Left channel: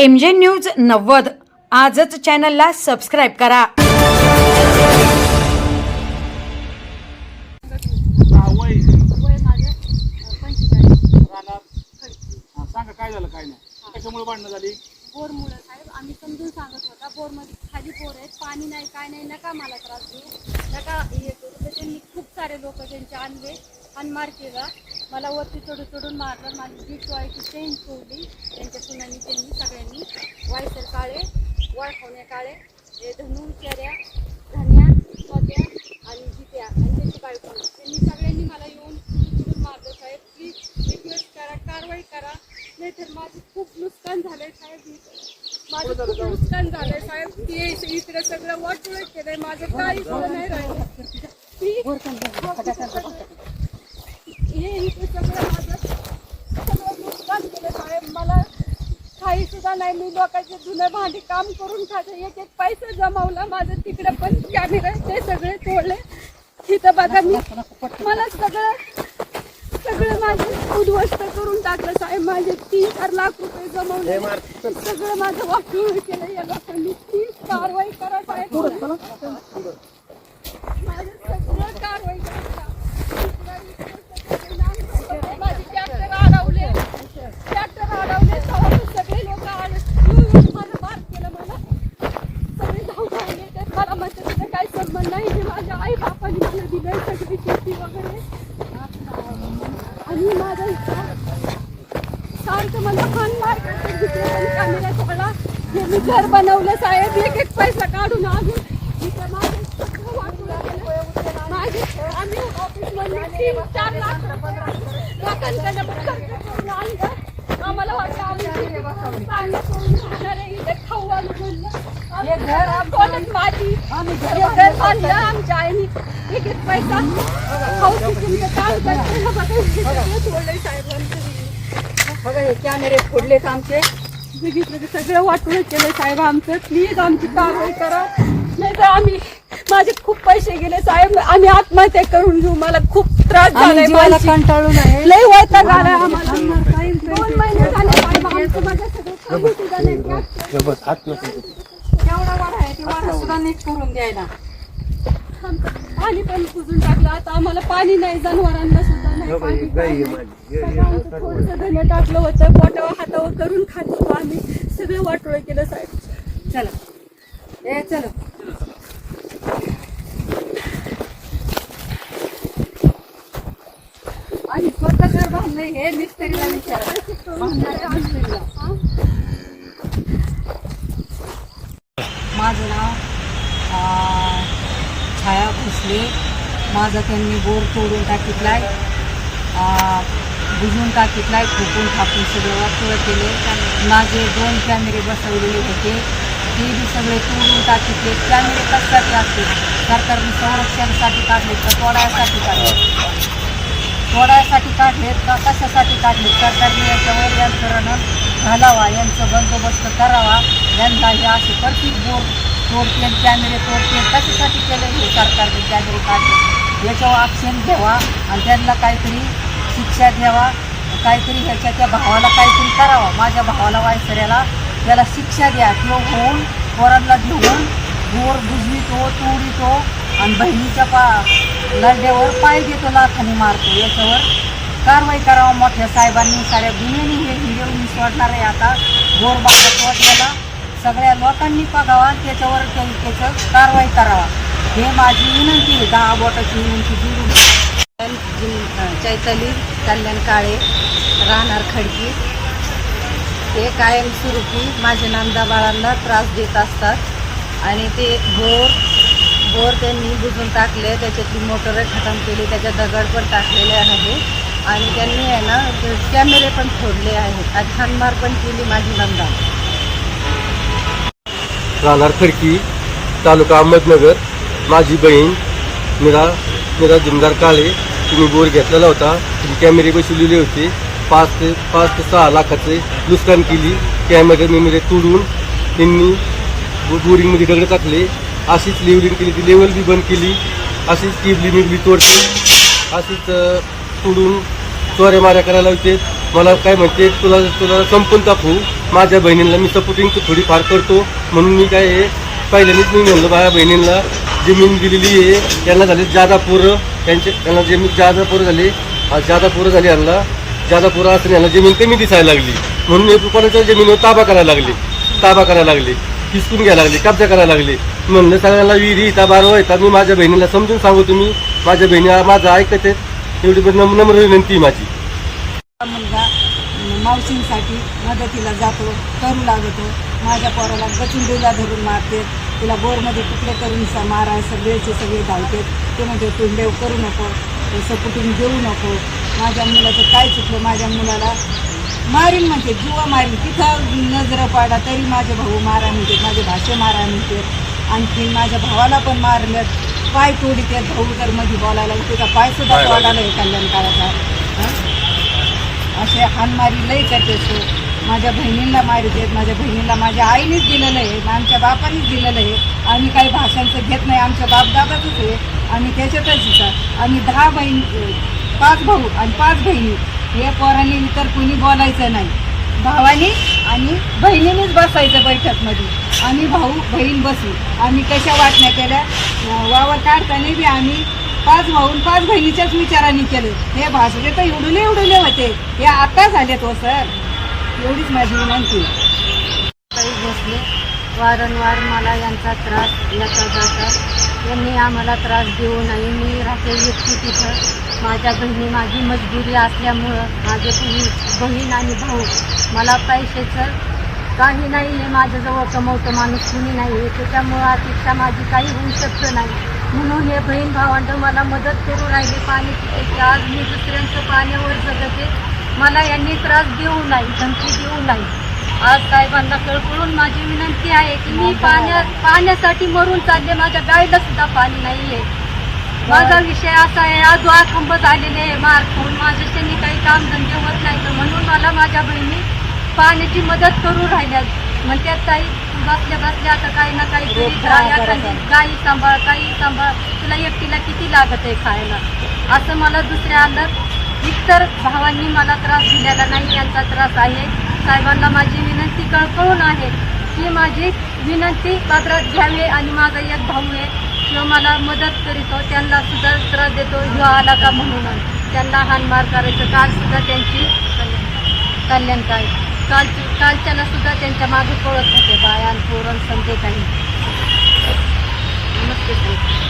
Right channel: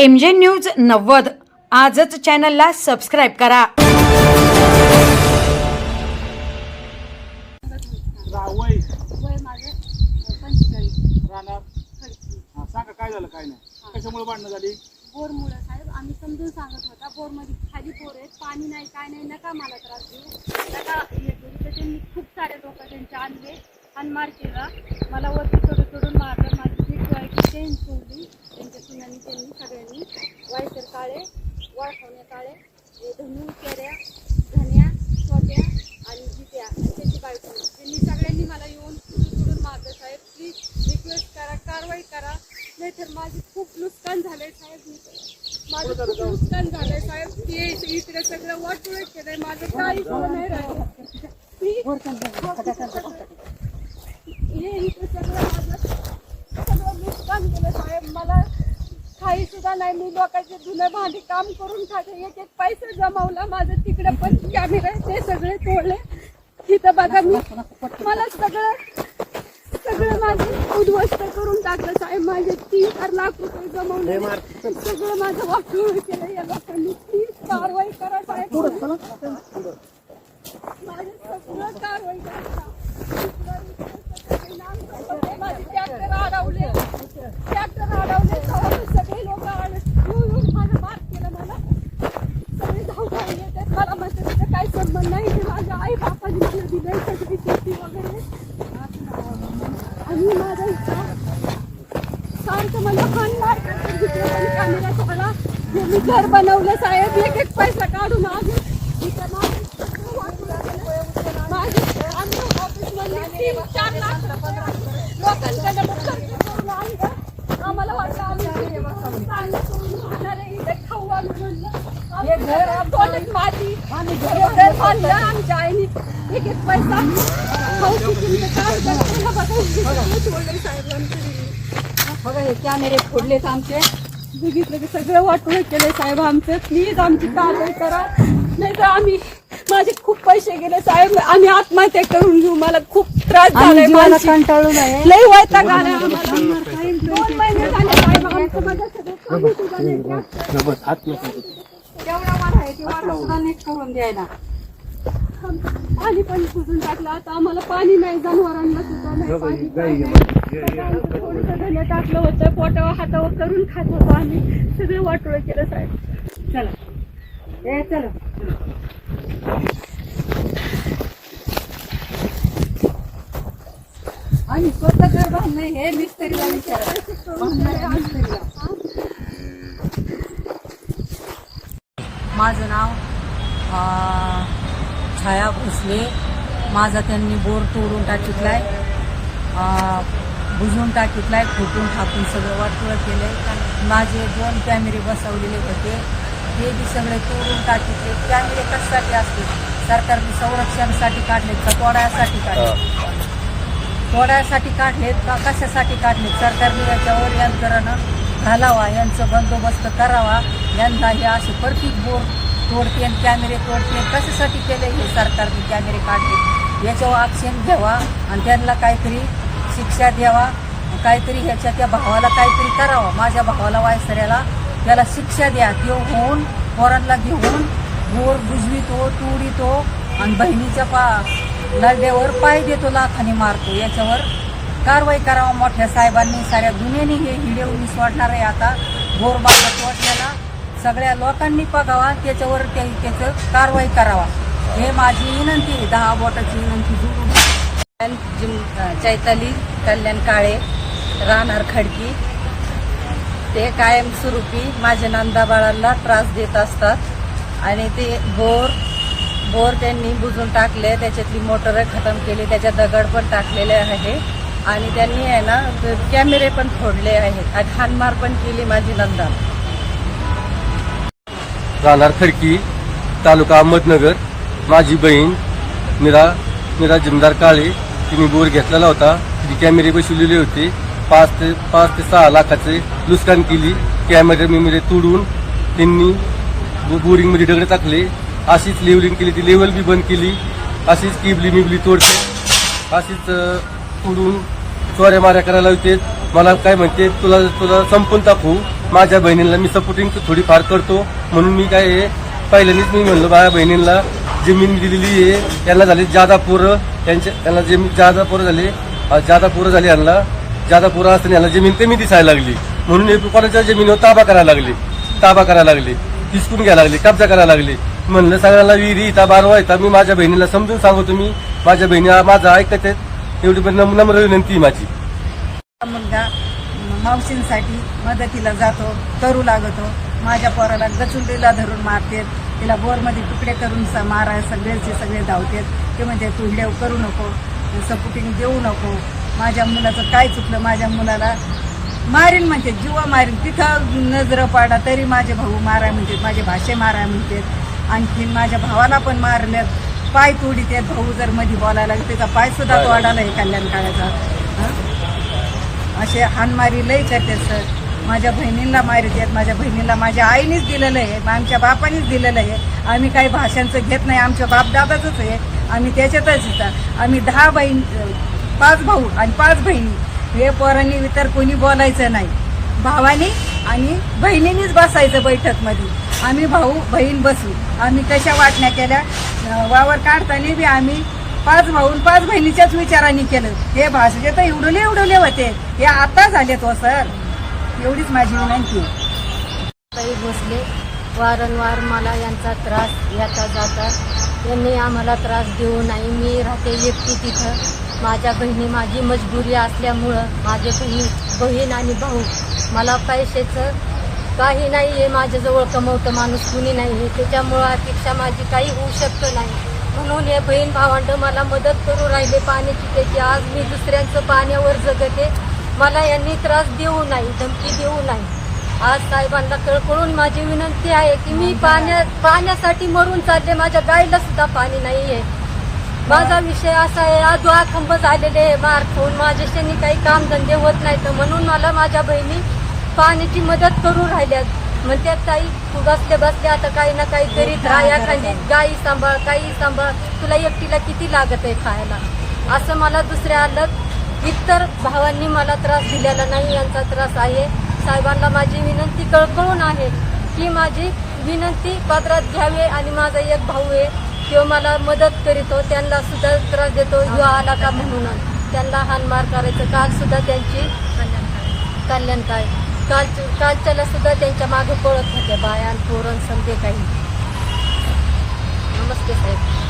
MJ news 90 आजच चॅनलला subscribe करा। वय माझं 45 राहणार सांगा काय झालं काय नाही कशामुळे भांडणं झाली? बोरमुळे साहेब आम्ही समजून सांगत होता बोरमध्ये खाली बोर आहे पाणी नाही काय नाही नका मला त्रास देऊ नका हे करू तर त्यांनी खूप सारे लोक त्यांचे आणले अनमार केला मला वरती चढून मारलं माझी पीठ व्हायची चेन तोडली त्यांच्या सुनांनी त्यांनी सगळ्यांनी वायसर काळे वळखवणे काळे हे धनू चऱ्या धन्या सोप्या आणि जित्या आणि त्याची बायको त्यांनी सगळ्यांनी मला येऊन चढून मारलं साहेब प्लीज रिक्वेस्ट करा कारवाई करा नाहीतर माझं खूप नुकसान झालं साहेब माझं खूप नुकसान झालं साहेब ती इकडे सगळं वाटोळं केलंय माझं काही झालं नाही राहिलं हे इकडे सगळं माझं सगळं नुकसान केलं साहेब मला काही सुद्धा नाही मी लोकांचे जुने भांडी काम करून खाते एक एक पैसा जमावला माझं तिकडे पण कॅमेरे ते सगळे तोडले तिथं बघा मी मला सगळं माझे उद्ध्वस्त करून टाकलं साहेब माझे 3-4 लाख रुपये जमवले सगळं माझं वाटोळं केलं या लोकांनी प्लीज कारवाई करा साहेब माझं सगळं कारवाई करा माझे ट्रॅक्टर अडवले सगळे लोक माझं मार केलं मला सगळे धाव राहिले ते मला म्हणते तिथं काही संबंध नाही हे माझ्या आई बापाने मला दिलंय सगळी शेती वगैरे आणि माझं सारखं मला मला मी घर बनवलं साहेब एक एक पैसा काढून आले आम्हाला वाटलं खाऊ माझी आमच्या आईने एक एक पैसा खाऊ कॅमेरे फोडलेत आमचे बघितलं सगळे वाटोळं केले साहेब आमचं प्लीज आमची कारवाई करा नाही तर आम्ही माझे खूप पैसे गेले साहेब आम्ही आत्महत्या करून घेऊ मला खूप त्रास झाला कंटाळून आहे लय वैताग आला आम्हाला 2 महिने झाले साहेब आमचं माझ्या सगळं करून द्यायला पाणी पण पुजून टाकलं आता आम्हाला पाणी नाही जनावरांना सुद्धा नाही पाणी टाकलं होतं पोटावर हातावर करून खात होतो आम्ही सगळे वाटोळं केलं साहेब चला चला आणि स्वतःकडे बांधले हे मिस्त्रीला माझं नाव छाया भोसले माझा त्यांनी बोर तोडून टाकीतलाय बुजवून टाकीतलाय ठोकून ठाकून सगळं वाटोळं केले माझे 2 कॅमेरे बसवलेले होते ते बी सगळे तोडून टाकीतले कॅमेरे कशासाठी असते सरकारने संरक्षणासाठी काढलेत का तोडायसाठी काढलेत का कशासाठी काढलेत सरकारने याच्यावर यंत्रणा घालावा यांचं बंदोबस्त करावा यांना हे असे प्रत्येक बोर तोडते कॅमेरे तोडते कशासाठी केले हे सरकारने कॅमेरे काढले याच्यावर ॲक्शन घ्यावा आणि त्यांना काहीतरी शिक्षा द्यावा काहीतरी ह्याच्या त्या भावाला काहीतरी करावा माझ्या भावाला वायसऱ्याला त्याला शिक्षा द्या तो होऊन पोरांना घेऊन बोर बुजवितो तोडितो आणि बहिणीच्या नरड्यावर पाय देतो लाखाने मारतो याच्यावर कारवाई करावा मोठ्या साहेबांनी साऱ्या दुनियेने हे हिंदेवून सोडणार आहे आता बोर बाबत वाटल्याला सगळ्या लोकांनी बघावा त्याच्यावर त्याचं कारवाई करावा हे माझी विनंती आहे 10 बोटाची विनंती चैताली कल्याण काळे राहणार खडकी ते कायमस्वरूपी माझ्या नंदा बाळांना त्रास देत असतात आणि ते बोर त्यांनी बुजून टाकले त्याच्यातली मोटर खतम केली त्याच्या दगड पण टाकलेले आहे आणि त्यांनी आहे ना कॅमेरे पण फोडले आहेत आणि हाणमार पण केली माझी नंदा राहणार खडकी तालुका अहमदनगर माझी बहीण मीरा जमदार काळे तिने बोर घेतलेला होता तिने कॅमेरे बसवलेले होते 5 ते 6 लाखाचे नुकसान केली कॅमेरे तोडून त्यांनी बोरिंगमध्ये दगड टाकले अशीच लेवलिंग केली ती लेवल बी बंद केली अशीच टिबली मिबली तोडते अशीच तोडून चोऱ्या माऱ्या करायला लावते मला काय म्हणते तुला संपून टाकू माझ्या बहिणीला मी सपोर्टिंग थोडीफार करतो म्हणून मी काय आहे पहिल्यांदाच मी म्हणलो माझ्या बहिणींना जमीन दिलेली आहे. त्यांना झाले जादा पोरं, त्यांना जमीन जादा पोरं झाले, जादा पोरं झाली यांना, जादा पोरं असताना यांना जमीन कमी दिसायला लागली म्हणून हे कोणाच्या जमिनीवर ताबा करायला लागले, हिसकून घ्यायला लागले, कब्जा करायला लागले. म्हणलं सगळ्यांना विहिरी इथं बारवा येतात. मी माझ्या बहिणीला समजून सांगू, तुम्ही माझ्या बहिणीला माझं ऐकत आहेत एवढी पण नम्र विनंती माझी. मुलगा मावशींसाठी मदतीला जातो, करू लागतो. माझ्या पोराला गचुंडीला धरून मारते, तिला बोरमध्ये तुकडे करून माराय सगळे धावतात. ते म्हणजे तू हिडेव करू नको, सपोर्टिंग देऊ नको. माझ्या मुलाचं काय चुकलं, माझ्या मुलाला मारीन म्हणते, जीवा मारीन. तिथं नजर पाडा तरी माझे भाऊ माराय म्हणते, माझे भाषे माराय म्हणते. आणखीन माझ्या भावाला पण मारल्यात, पाय तोडीत आहेत. भाऊ जर मध्ये बोलायला त्याचा पायसुद्धा तोडायला आहे कल्याण काळाचा. असे हानमारी लई करते सर. माझ्या बहिणींना मारत आहेत. माझ्या बहिणीला माझ्या आईनेच दिलेलं आहे, आमच्या बापानेच दिलेलं आहे. आम्ही काही भाषांचं घेत नाही, आमच्या बापदादाचंच आहे. आम्ही त्याच्यातच येतात. आम्ही 5 भाऊ आणि 5 बहिणी. हे पोरांनी इतर कोणी बोलायचं नाही. भावानी आणि बहिणीनेच बसायचं बैठकमध्ये. आम्ही भाऊ बहीण बसू. आम्ही कशा वाटण्या केल्या, वावर काढताना बी आम्ही 5 भाऊ 5 बहिणीच्याच विचाराने केलं. हे भाषेचे तर एवढुले होते, हे आता झालेत हो सर. एवढीच माझी विनंती. काही बसले वारंवार मला यांचा त्रास येता जाता. यांनी आम्हाला त्रास देऊ नाही. मी राहते एकटी तिथं. माझ्या बहिणी माझी मजबुरी असल्यामुळं माझे बहीण आणि भाऊ, मला पैशाचं काही नाही आहे, माझ्याजवळ कमवतं माणूस कुणी नाही आहे. त्याच्यामुळं अपेक्षा माझी काही होऊ शकतं नाही. म्हणून हे बहीण भावंड मला मदत करू राहिले पाण्याची त्याची. आज मी दुसऱ्यांचं पाण्यावर जगते. मला यांनी त्रास देऊ नाही, धमकी देऊ नाही. आज साहेबांना कळकळून माझी विनंती आहे की मी पाण्यासाठी मरून चालले. माझ्या गाईला सुद्धा पाणी नाही आहे. माझा विषय असा आहे, आधुआ खंब झालेले आहे, मारखून माझ्याशी काही कामधंदे होत नाही. तर म्हणून मला माझ्या बहिणी पाण्याची मदत करू राहिल्या. म्हणतात ताई तू बसल्या आता काही ना काही करीत राहा, गाई सांभाळ, काही सांभाळ, तुला एकटीला किती लागत आहे खायला. असं मला दुसऱ्या आलं. इतर भावांनी मला त्रास दिलेला नाही, यांचा त्रास आहे. साहेबांना माझी विनंती कळकळून आहे की माझी विनंती पदरात घ्यावी. आणि माझा एक भाऊ आहे, तो मला मदत करीतो, त्यांना सुद्धा त्रास देतो. ह्यो आला का म्हणून त्यांना हानमार करायचं. काल सुद्धा त्यांची कल्याणकारी कालच्याला सुद्धा त्यांच्या मागे पळत होते बाया आणि पोरण संध्याकाळी. नमस्ते साहेब.